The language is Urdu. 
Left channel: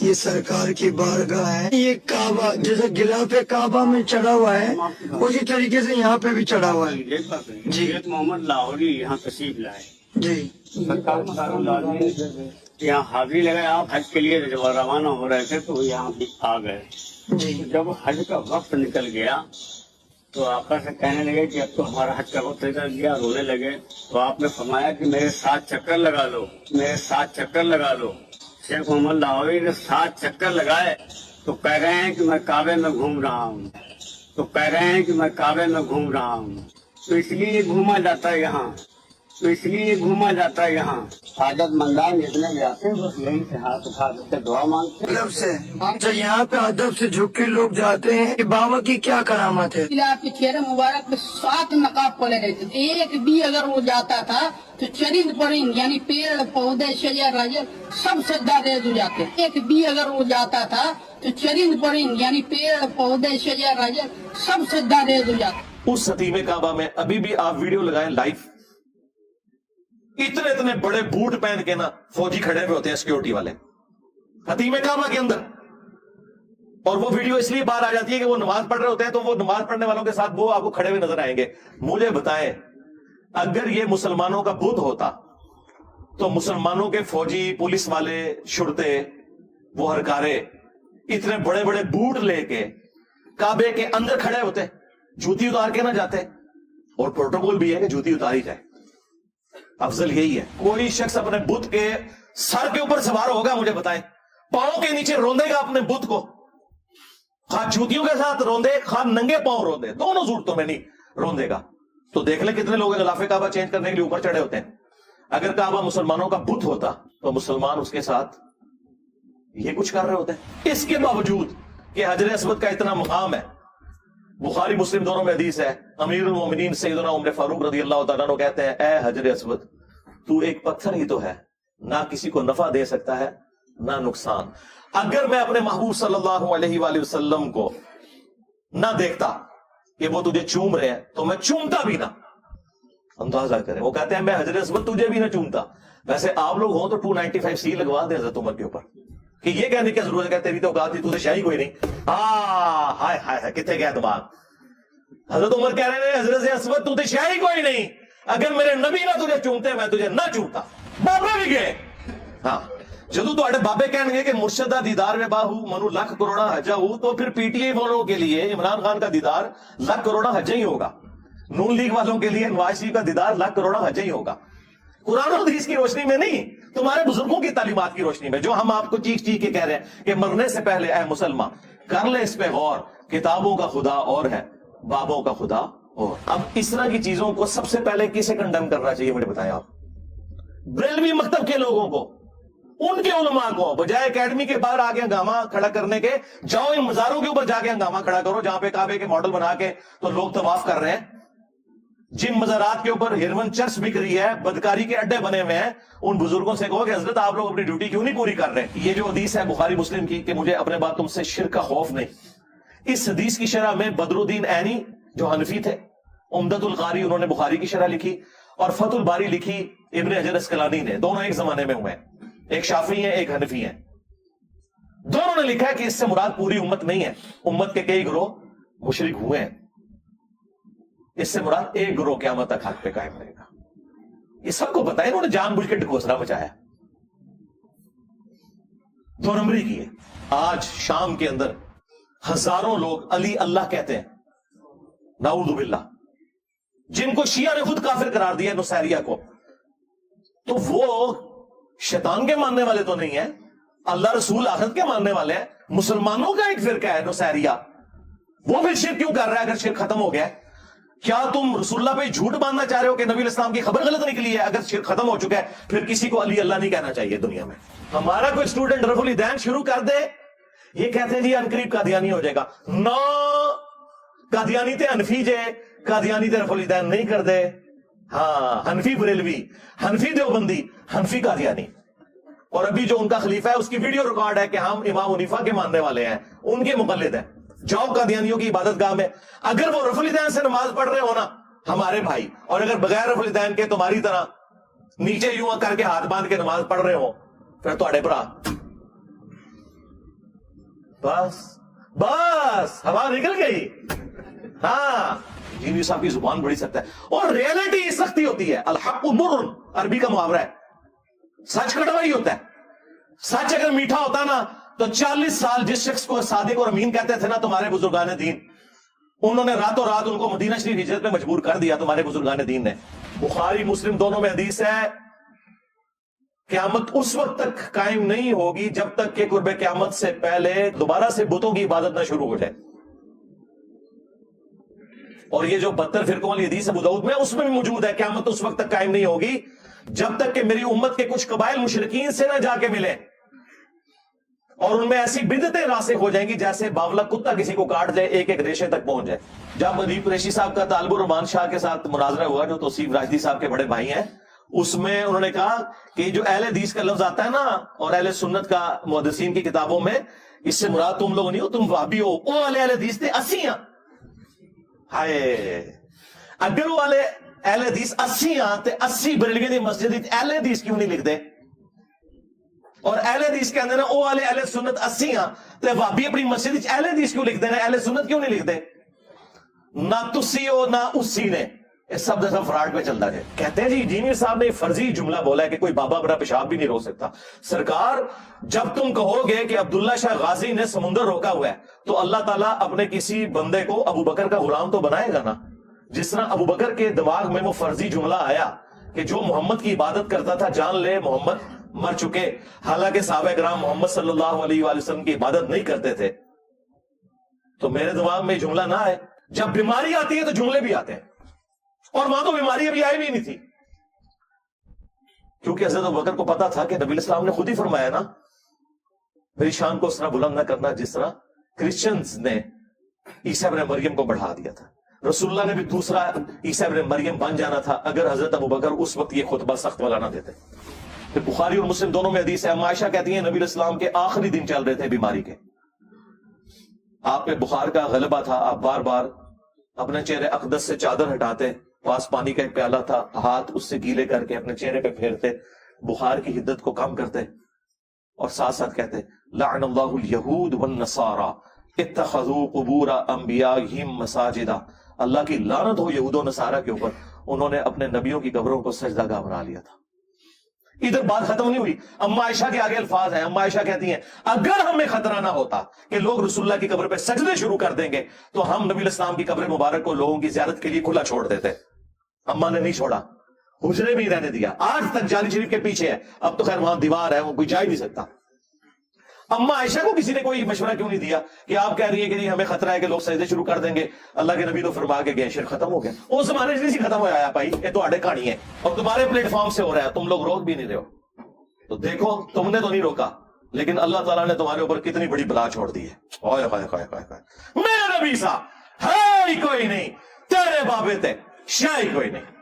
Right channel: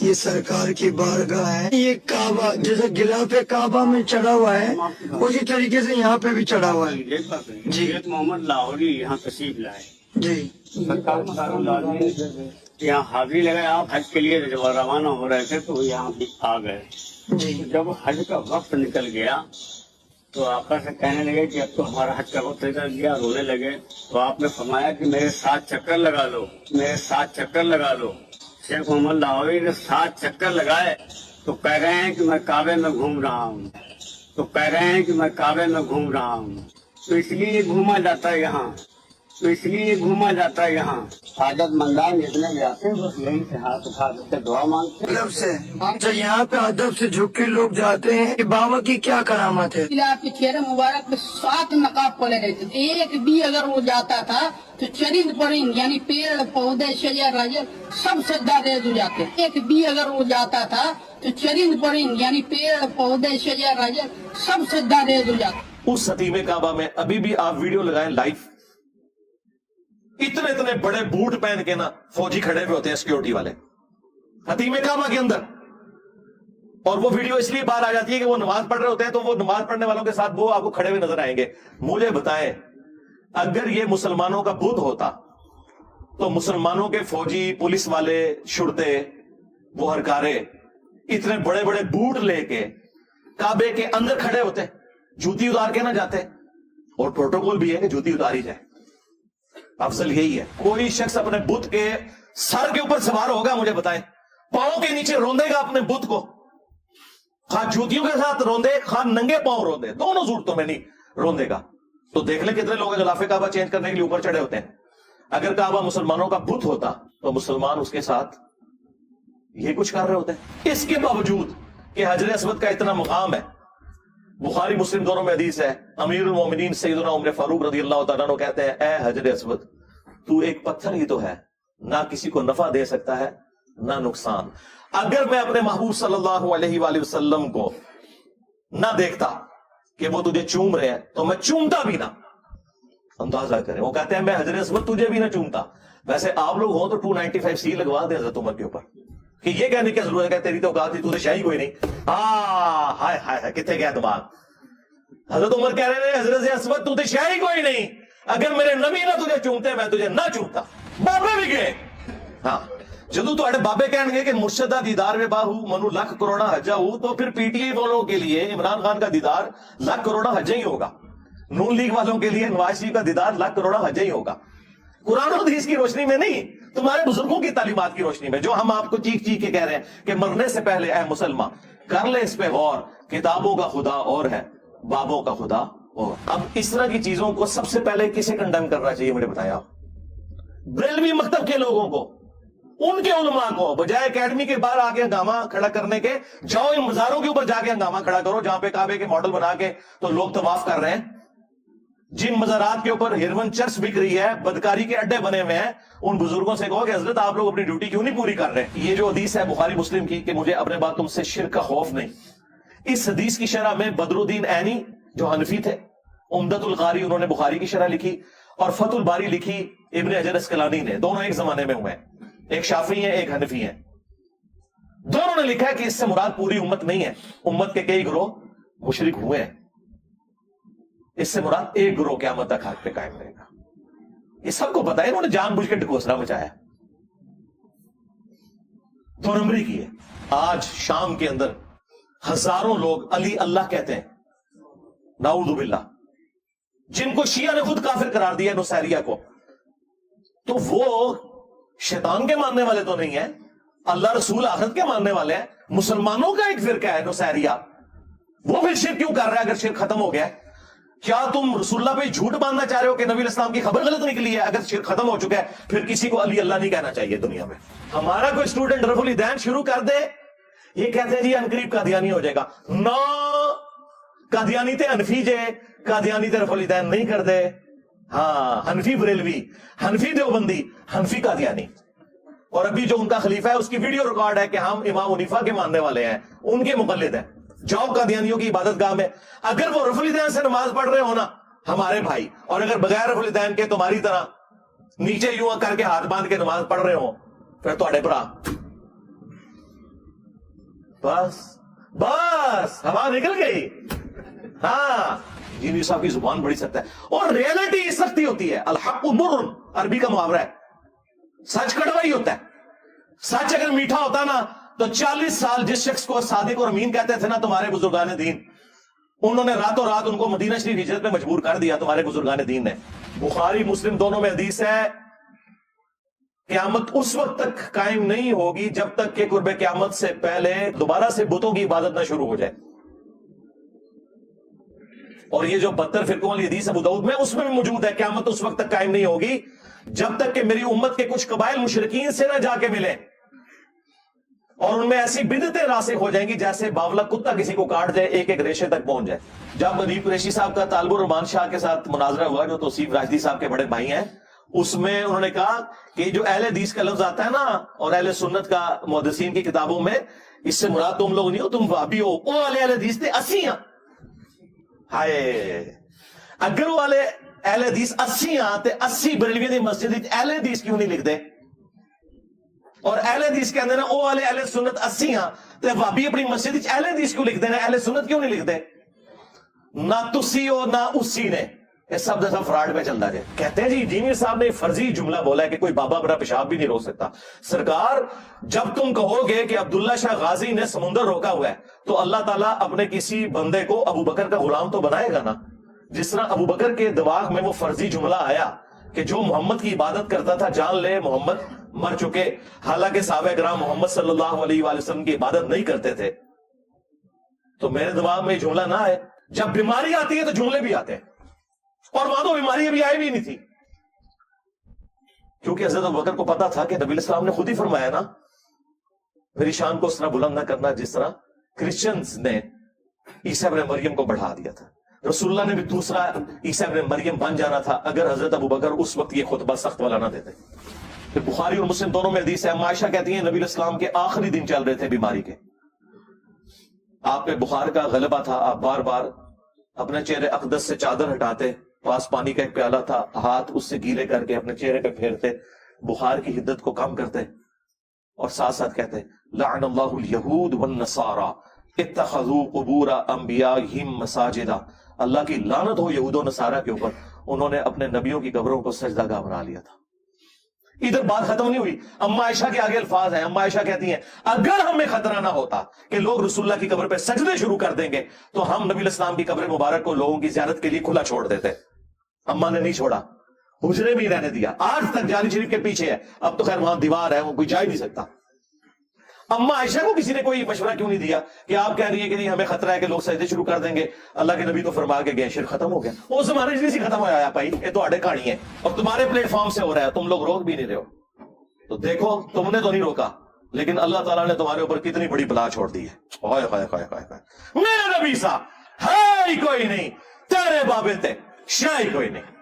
یہ سرکار کی بارگاہ ہے. یہ کعبہ جیسے غلاف کعبہ میں چڑھا ہوا ہے اسی طریقے سے یہاں پہ بھی چڑھا ہوا ہے. جی محمد لاہوری یہاں تشریف لائے. جی یہاں حاضری لگائے. آپ حج کے لیے جب روانہ ہو رہے تھے تو یہاں بھی آ گئے. جی جب حج کا وقت نکل گیا تو آقا سے کہنے لگے کہ اب تو ہمارا حج کا وقت نکل گیا. رونے لگے تو آپ نے فرمایا کہ میرے ساتھ چکر لگا لو, میرے ساتھ چکر لگا لو. شیخ محمد لاہوری نے 7 چکر لگائے تو کہہ رہے ہیں کہ میں کعبے میں گھوم رہا ہوں, تو کہہ رہے ہیں کہ میں کعبے میں گھوم رہا ہوں. تو اس لیے یہ گھوما جاتا ہے یہاں, تو اس لیے یہ گھوما جاتا ہے یہاں. حاجت مندان جتنے بھی آتے ہیں بس یہیں سے ہاتھ اٹھا کے دعا مانگتے ہیں. ادب سے اچھا یہاں پہ ادب سے جھک کے لوگ جاتے ہیں. کہ بابا کی کیا کرامت ہے؟ آپ کے چہرے مبارک پہ 7 نقاب کھولے رہتے تھے. ایک بھی اگر وہ جاتا تھا تو چرند پرند یعنی پیڑ پودے شجر راجر سب سجدہ ریز ہو جاتے. ایک بھی اگر وہ جاتا تھا تو چرند پرند یعنی پیڑ پودے شجر راجر سب سجدہ ریز ہو جاتے. اس ستیب کعبہ میں ابھی بھی آپ ویڈیو لگائیں لائیو, اتنے بڑے بوٹ پہن کے نا فوجی کھڑے ہوئے ہوتے ہیں سیکورٹی والے ستیب کعبہ کے اندر. اور وہ ویڈیو اس لیے باہر آ جاتی ہے کہ وہ نماز پڑھ رہے ہوتے ہیں تو وہ نماز پڑھنے والوں کے ساتھ وہ آپ کو کھڑے ہوئے نظر آئیں گے. مجھے بتائیں اگر یہ مسلمانوں کا بت ہوتا تو مسلمانوں کے فوجی پولیس والے شرطے وہ ہرکارے اتنے بڑے بڑے بوٹ لے کے کعبے کے اندر کھڑے ہوتے, جوتی اتار کے نہ جاتے. اور پروٹوکول بھی ہے کہ جوتی اتاری جائے, افضل یہی ہے. کوئی شخص اپنے بت کے سر کے اوپر سوار ہوگا مجھے بتائے, پاؤں کے نیچے روندے گا اپنے بت کو, خواہ جوتیوں کے ساتھ روندے خواہ ننگے پاؤں روندے, دونوں صورتوں میں نہیں روندے گا. تو دیکھ لیں کتنے لوگ غلاف کعبہ چینج کرنے کے لیے اوپر چڑھے ہوتے ہیں. اگر کعبہ مسلمانوں کا بت ہوتا تو مسلمان اس کے ساتھ یہ کچھ کر رہے ہوتے ہیں. اس کے باوجود کہ حجر اسود کا اتنا مقام ہے, بخاری مسلم دونوں میں حدیث ہے, امیر المومنین سیدنا عمر فاروق رضی اللہ تعالیٰ عنہ کہتے ہیں اے حجر اسود تو ایک پتھر ہی تو ہے, نہ کسی کو نفع دے سکتا ہے نہ نقصان. اگر میں اپنے محبوب صلی اللہ علیہ وآلہ وسلم کو نہ دیکھتا کہ وہ تجھے چوم رہے ہیں تو میں چومتا بھی نہ. اندازہ کریں, وہ کہتے ہیں میں حجر اسود تجھے بھی نہ چومتا. ویسے آپ لوگ ہوں تو 295C لگوا دیں حضرت عمر کے اوپر کہ یہ کہنے کی ضرورت ہے تیری تو اوقات تھی, تجھے شاہی کوئی نہیں. ہائے ہائے کتنے گیا دماغ. حضرت عمر کہہ رہے ہیں حضرت اسود تجھے شاہی کوئی نہیں, اگر میرے نبی نہ تجھے چومتے میں تجھے نہ چومتا. بابے بھی گئے. ہاں جدو تو بابے کہیں گے کہ مرشدہ دیدار میں باہو منو لاکھ کروڑا حجہ ہو, تو پھر پی ٹی آئی والوں کے لیے عمران خان کا دیدار لاکھ کروڑا حجہ ہی ہوگا, نون لیگ والوں کے لیے نواز شریف کا دیدار لاکھ کروڑا حجہ ہی ہوگا. قرآن و حدیث کی روشنی میں نہیں, تمہارے بزرگوں کی تعلیمات کی روشنی میں, جو ہم آپ کو چیخ چیخ کے کہہ رہے ہیں کہ مرنے سے پہلے اے مسلمان کر لے اس پہ غور, کتابوں کا خدا اور ہے بابوں کا خدا اور. اب اس طرح کی چیزوں کو سب سے پہلے کسے کنڈم کرنا چاہیے مجھے بتایا آپ؟ بریلوی مکتب کے لوگوں کو, ان کے علماء کو, بجائے اکیڈمی کے باہر آ کے ہنگامہ کھڑا کرنے کے جاؤ یہ مزاروں کے اوپر جا کے ہنگامہ کھڑا کرو جہاں پہ کعبے کے ماڈل بنا کے تو لوگ طواف کر رہے ہیں. جن مزارات کے اوپر ہیروئن چرس بک رہی ہے, بدکاری کے اڈے بنے ہوئے ہیں, ان بزرگوں سے کہو کہ حضرت آپ لوگ اپنی ڈیوٹی کیوں نہیں پوری کر رہے. یہ جو حدیث ہے بخاری مسلم کی کہ مجھے اپنے بعد تم سے شرک کا خوف نہیں, اس حدیث کی شرح میں بدر الدین عینی جو حنفی تھے, عمدۃ القاری انہوں نے بخاری کی شرح لکھی, اور فتح الباری لکھی ابن حجر اسقلانی نے, دونوں ایک زمانے میں ہوئے ہیں, ایک شافعی ہیں ایک حنفی ہیں. دونوں نے لکھا ہے کہ اس سے مراد پوری امت نہیں ہے, امت کے کئی گروہ مشرک ہوئے ہیں, اس سے مراد ایک گروہ قیامت تک حق پہ قائم رہے گا. یہ سب کو پتا ہے, انہوں نے جان بوجھ کے ڈھکوسلا مچایا, 2 نمبری کی ہے. آج شام کے اندر ہزاروں لوگ علی اللہ کہتے ہیں, نعوذ باللہ, جن کو شیعہ نے خود کافر قرار دیا نصیریہ کو. تو وہ شیطان کے ماننے والے تو نہیں ہیں, اللہ رسول آخرت کے ماننے والے ہیں. مسلمانوں کا ایک فرقہ ہے نصیریہ, وہ پھر شرک کیوں کر رہا ہے اگر شرک ختم ہو گیا؟ کیا تم رسول اللہ پہ جھوٹ باندھنا چاہ رہے ہو کہ نبی الاسلام کی خبر غلط نکلی ہے؟ اگر شرک ختم ہو چکا ہے پھر کسی کو علی اللہ نہیں کہنا چاہیے دنیا میں. ہمارا کوئی اسٹوڈنٹ رفع الدین شروع کر دے, یہ کہتے ہیں جی انقریب قادیانی ہو جائے گا. نو قادیانی تے حنفی جے, قادیانی تے رفع الدین نہیں کر دے. ہاں حنفی بریلوی, حنفی دیوبندی, حنفی قادیانی, اور ابھی جو ان کا خلیفہ ہے اس کی ویڈیو ریکارڈ ہے کہ ہم امام حنیفہ کے ماننے والے ہیں، ان کے مقلد ہیں. جاؤ قادیانیوں کی عبادت گاہ میں، اگر وہ رفع الیدین سے نماز پڑھ رہے ہو نا ہمارے بھائی، اور اگر بغیر رفع الیدین کے تمہاری طرح نیچے یوں کر کے ہاتھ باندھ کے نماز پڑھ رہے ہو، پھر تھوڑے برا بس ہوا نکل گئی. ہاں جی صاحب کی زبان بڑی سخت ہے، اور ریئلٹی سختی ہوتی ہے. الحق مر، عربی کا محاورہ ہے، سچ کڑوا ہی ہوتا ہے. سچ اگر میٹھا ہوتا نا تو 40 سال جس شخص کو صادق اور امین کہتے تھے نا تمہارے بزرگان دین، انہوں نے راتوں رات ان کو مدینہ شریف ہجرت میں مجبور کر دیا تمہارے بزرگان دین نے. بخاری مسلم دونوں میں حدیث ہے، قیامت اس وقت تک قائم نہیں ہوگی جب تک کہ قرب قیامت سے پہلے دوبارہ سے بتوں کی عبادت نہ شروع ہو جائے. اور یہ جو 72 فرقوں والی حدیث ابو داؤد میں اس میں بھی موجود ہے، قیامت اس وقت تک قائم نہیں ہوگی جب تک کہ میری امت کے کچھ قبائل مشرکین سے نہ جا کے ملے، اور ان میں ایسی بدعتیں راسخ ہو جائیں گی جیسے باولا کتا کسی کو کاٹ دیں، ایک ایک ریشے تک پہنچ جائے. جب ادیب قریشی صاحب کا طالب الرحمان شاہ کے ساتھ مناظرہ ہوا، جو توصیف راشدی صاحب کے بڑے بھائی ہیں، اس میں انہوں نے کہا کہ جو اہل حدیث کا لفظ آتا ہے نا اور اہل سنت کا محدثین کی کتابوں میں، اس سے مراد تم لوگ نہیں ہو، تم وہابی ہو. او اہل حدیث تھے 80 ہیں. ہائے اگر وہ اہل حدیث 80 آتے 80 بریلوی دی مسجد اہل حدیث کیوں نہیں لکھ دے؟ اور اہل حدیث کے اندر او اہل سنت 80 ہاں تو وہابی اپنی مسجد اہل حدیث کیوں لکھ دیں گے، اہل سنت کیوں نہیں لکھ دے؟ نہ تسی ہو نہ اسی نے، یہ سب جیسا فراڈ پہ چلتا ہے. کہتے ہیں جی جینیر صاحب نے فرضی جملہ بولا ہے کہ کوئی بابا بڑا پیشاب بھی نہیں روک سکتا. سرکار جب تم کہو گے کہ عبداللہ شاہ غازی نے سمندر روکا ہوا ہے تو اللہ تعالیٰ اپنے کسی بندے کو ابو بکر کا غلام تو بنائے گا نا. جس طرح ابو بکر کے دماغ میں وہ فرضی جملہ آیا کہ جو محمد کی عبادت کرتا تھا جان لے محمد مر چکے، حالانکہ صحابہ کرام محمد صلی اللہ علیہ وآلہ وسلم کی عبادت نہیں کرتے تھے، تو میرے دماغ میں یہ جملہ نہ آئے. جب بیماری آتی ہے تو جملے بھی آتے ہیں، اور وہاں تو بیماری بھی آئی بھی نہیں تھی، کیونکہ حضرت ابوبکر کو پتا تھا کہ نبی علیہ السلام نے خود ہی فرمایا نا میری شان کو اس طرح بلند نہ کرنا جس طرح کرسچنز نے عیسیٰ ابن مریم کو بڑھا دیا تھا. رسول اللہ نے بھی دوسرا عیسیٰ ابن مریم بن جانا تھا اگر حضرت ابوبکر اس وقت یہ خطبہ سخت والا نہ دیتے. پھر بخاری اور مسلم دونوں میں حدیث ہے، اما عائشہ کہتی ہیں نبی علیہ السلام کے آخری دن چل رہے تھے بیماری کے، آپ پہ بخار کا غلبہ تھا، آپ بار بار اپنے چہرے اقدس سے چادر ہٹاتے، پاس پانی کا ایک پیالہ تھا، ہاتھ اس سے گیلے کر کے اپنے چہرے پہ پھیرتے، بخار کی حدت کو کم کرتے، اور ساتھ ساتھ کہتے لعن اللہ الیہود والنصارى اتخذوا قبور انبیائہم مساجدا، اللہ کی لعنت ہو یہود و نصارہ کے اوپر، انہوں نے اپنے نبیوں کی قبروں کو سجدہ گاہ بنا لیا تھا. ادھر بات ختم نہیں ہوئی، اما عائشہ کے آگے الفاظ ہیں. اما عائشہ کہتی ہیں اگر ہمیں خطرہ نہ ہوتا کہ لوگ رسول اللہ کی قبر پہ سجدے شروع کر دیں گے تو ہم نبی علیہ السلام کی قبر مبارک کو لوگوں کی زیارت کے لیے کھلا چھوڑ دیتے. اما نے نہیں چھوڑا، حجرے بھی رہنے دیا، آج تک جاری شریف کے پیچھے ہے. اب تو خیر وہاں دیوار ہے، وہ کوئی جا ہی نہیں سکتا. اما عائشہ کو کسی نے کوئی مشورہ کیوں نہیں دیا کہ آپ کہہ رہی ہے کہ ہمیں خطرہ ہے کہ لوگ سجدے شروع کر دیں گے، اللہ کے نبی تو فرما کے گئے، شرک ختم ہو گیا. اس زمانے سے ختم ہو جایا بھائی، یہ تو اڈے کہانی ہے اور تمہارے پلیٹ فارم سے ہو رہا ہے، تم لوگ روک بھی نہیں رہے ہو. تو دیکھو تم نے تو نہیں روکا لیکن اللہ تعالیٰ نے تمہارے اوپر کتنی بڑی بلا چھوڑ دی ہے. میرا نبی صاحب ہے کوئی نہیں، تیرے بابے تھے شاہی کوئی نہیں.